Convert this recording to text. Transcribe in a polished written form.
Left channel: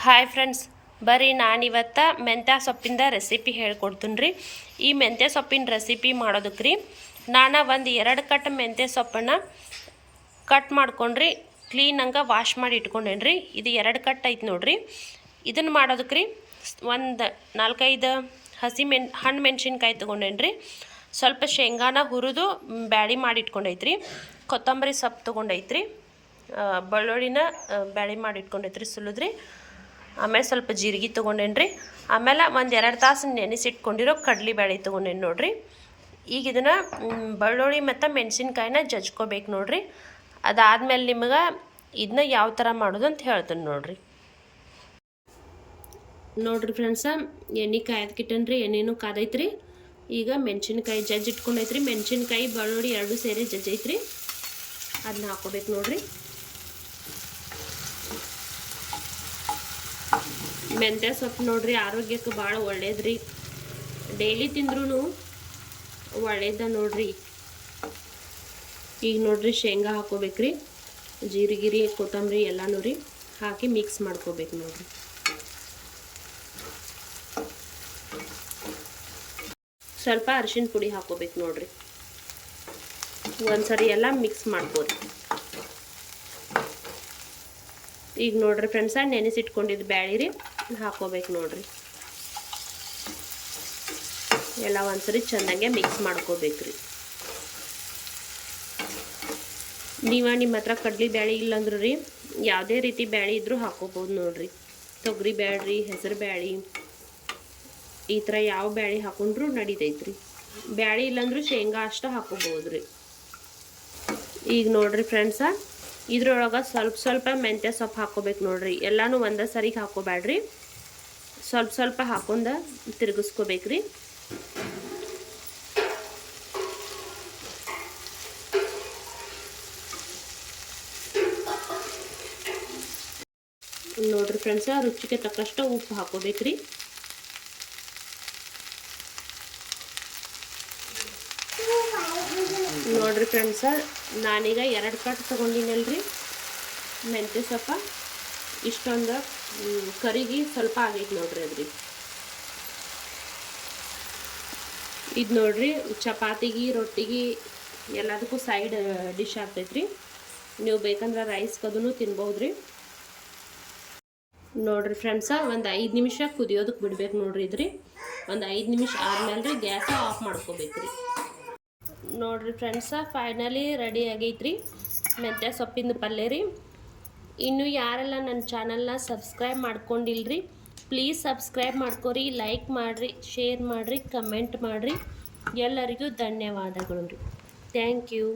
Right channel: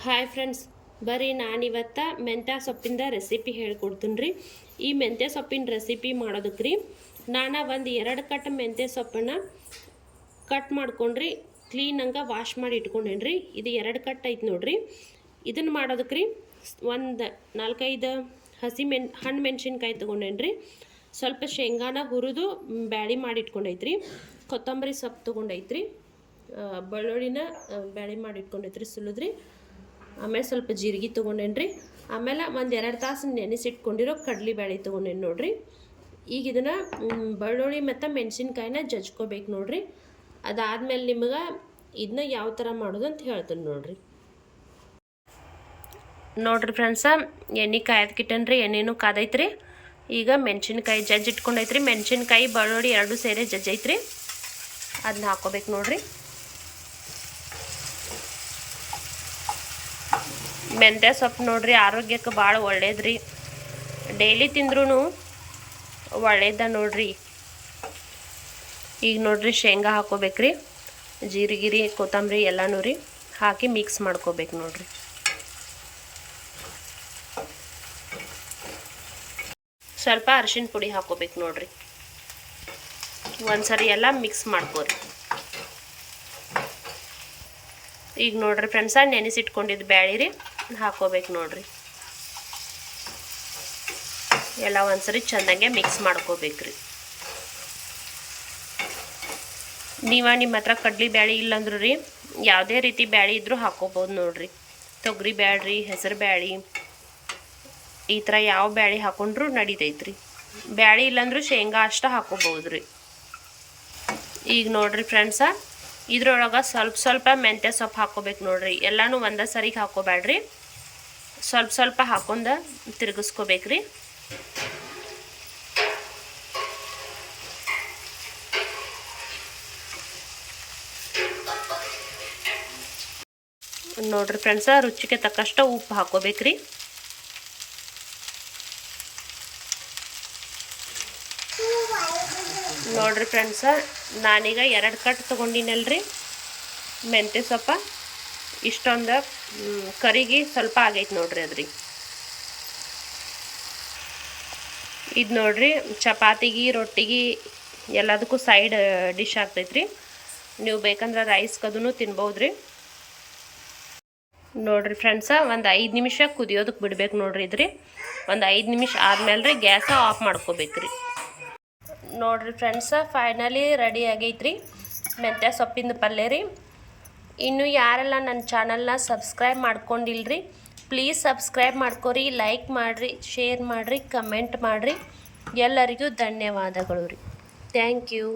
Hi friends, ಬರ್ರಿ ನಾನಿವತ್ತು ಮೆಂತ್ಯ ಸೊಪ್ಪಿಂದ ರೆಸಿಪಿ ಹೇಳ್ಕೊಡ್ತೀನಿ ರೀ. ಈ ಮೆಂತ್ಯ ಸೊಪ್ಪಿನ ರೆಸಿಪಿ ಮಾಡೋದಕ್ಕೆ ರೀ ನಾನು ಒಂದು 2 ಕಟ್ ಮೆಂತ್ಯ ಸೊಪ್ಪನ್ನು ಕಟ್ ಮಾಡ್ಕೊಂಡ್ರಿ ಕ್ಲೀನಂಗೆ ವಾಶ್ ಮಾಡಿ ಇಟ್ಕೊಂಡೇನಿ ರೀ. ಇದು 2 ಕಟ್ ಐತೆ ನೋಡ್ರಿ. ಇದನ್ನು ಮಾಡೋದಕ್ಕೆ ರೀ ಒಂದು 4-5 ಹಣ್ಣು ಮೆಣಸಿನ್ಕಾಯಿ ತೊಗೊಂಡೇನಿ ರೀ. ಸ್ವಲ್ಪ ಶೇಂಗಾನ ಹುರಿದು ಬ್ಯಾಳಿ ಮಾಡಿ ಇಟ್ಕೊಂಡೈತ್ರಿ. ಕೊತ್ತಂಬರಿ ಸೊಪ್ಪು ತೊಗೊಂಡೈತ್ರಿ. ಬೆಳ್ಳುಳ್ಳಿನ ಬ್ಯಾಳಿ ಮಾಡಿ ಇಟ್ಕೊಂಡೈತ್ರಿ ಸುಲಿದ್ರಿ. ಆಮೇಲೆ ಸ್ವಲ್ಪ ಜೀರಿಗೆ ತೊಗೊಂಡೇನಿ ರೀ. ಆಮೇಲೆ ಒಂದು 2 ತಾಸು ನೆನೆಸಿಟ್ಕೊಂಡಿರೋ ಕಡ್ಲಿ ಬ್ಯಾಳಿ ತೊಗೊಂಡೇನಿ ನೋಡ್ರಿ. ಈಗ ಇದನ್ನು ಬೆಳ್ಳುಳ್ಳಿ ಮತ್ತು ಮೆಣಸಿನ್ಕಾಯಿನ ಜಜ್ಕೋಬೇಕು ನೋಡ್ರಿ. ಅದಾದಮೇಲೆ ನಿಮಗೆ ಇದನ್ನ ಯಾವ ಥರ ಮಾಡೋದು ಅಂತ ಹೇಳ್ತೀನಿ ನೋಡ್ರಿ. ನೋಡ್ರಿ ಫ್ರೆಂಡ್ಸ, ಎಣ್ಣೆ ಕಾಯ್ದಕ್ಕಿಟ್ಟೇನ್ರಿ. ಎಣ್ಣೆನೂ ಕಾದೈತ್ರಿ. ಈಗ ಮೆಣಸಿನ್ಕಾಯಿ ಇಟ್ಕೊಂಡೈತ್ರಿ. ಮೆಣಸಿನ್ಕಾಯಿ ಬೆಳ್ಳುಳ್ಳಿ 2 ಸೇರಿ ಜಜ್ಜೈತ್ರಿ. ಅದನ್ನ ಹಾಕೋಬೇಕು ನೋಡ್ರಿ. ಮೆಂತ್ಯ ಸೊಪ್ಪು ನೋಡ್ರಿ ಆರೋಗ್ಯಕ್ಕೆ ಭಾಳ ಒಳ್ಳೇದ್ರಿ. ಡೈಲಿ ತಿಂದ್ರೂ ಒಳ್ಳೇದ ನೋಡ್ರಿ. ಈಗ ನೋಡ್ರಿ ಶೇಂಗಾ ಹಾಕೋಬೇಕ್ರಿ. ಜೀರಿಗೆ ಕೊತ್ತಂಬರಿ ಎಲ್ಲನೂ ರೀ ಹಾಕಿ ಮಿಕ್ಸ್ ಮಾಡ್ಕೋಬೇಕು ನೋಡ್ರಿ. ಸ್ವಲ್ಪ ಅರಿಶಿನ ಪುಡಿ ಹಾಕೋಬೇಕು ನೋಡ್ರಿ. ಒಂದ್ಸರಿ ಎಲ್ಲ ಮಿಕ್ಸ್ ಮಾಡ್ಕೋರಿ. ಈಗ ನೋಡ್ರಿ ಫ್ರೆಂಡ್ಸ, ನೆನೆಸಿಟ್ಕೊಂಡಿದ್ದು ಬ್ಯಾಳಿ ರೀ ಹಾಕೋಬೇಕು ನೋಡ್ರಿ. ಎಲ್ಲ ಒಂದ್ಸರಿ ಚೆನ್ನಾಗೆ ಮಿಕ್ಸ್ ಮಾಡ್ಕೋಬೇಕ್ರಿ. ನಿಮ್ಮ ಹತ್ರ ಕಡ್ಲಿ ಬ್ಯಾಳಿ ಇಲ್ಲಂದ್ರೂ ರೀ ಯಾವುದೇ ರೀತಿ ಬ್ಯಾಳಿ ಇದ್ರೂ ಹಾಕೋಬೋದು ನೋಡ್ರಿ. ತೊಗರಿ ಬ್ಯಾಳ್ರಿ, ಹೆಸರು ಬ್ಯಾಳಿ, ಈ ಥರ ಯಾವ ಬ್ಯಾಳಿ ಹಾಕೊಂಡ್ರೂ ನಡಿತೈತ್ರಿ. ಬ್ಯಾಳಿ ಇಲ್ಲಂದ್ರೂ ಶೇಂಗಾ ಅಷ್ಟ ಹಾಕೋಬೋದ್ರಿ. ಈಗ ನೋಡ್ರಿ ಫ್ರೆಂಡ್ಸ, ಇದ್ರೊಳಗೆ ಸ್ವಲ್ಪ ಮೆಂತ್ಯ ಸೊಪ್ಪು ಹಾಕೋಬೇಕು ನೋಡ್ರಿ. ಎಲ್ಲನೂ ಒಂದೇ ಸರಿಗೆ ಹಾಕೋಬೇಡ್ರಿ. ಸ್ವಲ್ಪ ಹಾಕೊಂಡ ತಿರುಗಿಸ್ಕೋಬೇಕ್ರಿ. ನೋಡ್ರಿ ಫ್ರೆಂಡ್ಸ, ರುಚಿಗೆ ತಕ್ಕಷ್ಟು ಉಪ್ಪು ಹಾಕೋಬೇಕ್ರಿ. ನೋಡ್ರಿ ಫ್ರೆಂಡ್ಸ, ನಾನೀಗ 2 ಕಟ್ ತೊಗೊಂಡಿನಲ್ರಿ ಮೆಂತ್ಯ ಸೊಪ್ಪ. ಇಷ್ಟೊಂದು ಕರಿಗೆ ಸ್ವಲ್ಪ ಆಗೈತೆ ನೋಡ್ರಿ ಅದ್ರಿ. ಇದು ನೋಡ್ರಿ ಚಪಾತಿಗೆ, ರೊಟ್ಟಿಗೆ ಎಲ್ಲದಕ್ಕೂ ಸೈಡ್ ಡಿಶ್ ಆಗ್ತೈತ್ರಿ. ನೀವು ಬೇಕಂದ್ರೆ ರೈಸ್ಗದೂ ತಿನ್ಬೋದ್ರಿ. ನೋಡ್ರಿ ಫ್ರೆಂಡ್ಸ, ಒಂದು 5 ನಿಮಿಷ ಕುದಿಯೋದಕ್ಕೆ ಬಿಡ್ಬೇಕು ನೋಡ್ರಿ ಇದ್ರಿ. ಒಂದು 5 ನಿಮಿಷ ಆದ್ಮೇಲೆ ರೀ ಗ್ಯಾಸ ಆಫ್ ಮಾಡ್ಕೋಬೇಕ್ರಿ. ನೋಡ್ರಿ ಫ್ರೆಂಡ್ಸ, ಫೈನಲಿ ರೆಡಿ ಆಗೈತ್ರಿ ಮೆಂತ್ಯ ಸೊಪ್ಪಿಂದ ಪಲ್ಯ ರೀ. ಇನ್ನು ಯಾರೆಲ್ಲ ನನ್ನ ಚಾನಲ್ನ ಸಬ್ಸ್ಕ್ರೈಬ್ ಮಾಡ್ಕೊಂಡಿಲ್ರಿ, ಪ್ಲೀಸ್ ಸಬ್ಸ್ಕ್ರೈಬ್ ಮಾಡ್ಕೊರಿ, ಲೈಕ್ ಮಾಡಿರಿ, ಶೇರ್ ಮಾಡಿರಿ, ಕಮೆಂಟ್ ಮಾಡಿರಿ. ಎಲ್ಲರಿಗೂ ಧನ್ಯವಾದಗಳು ರೀ. Thank you.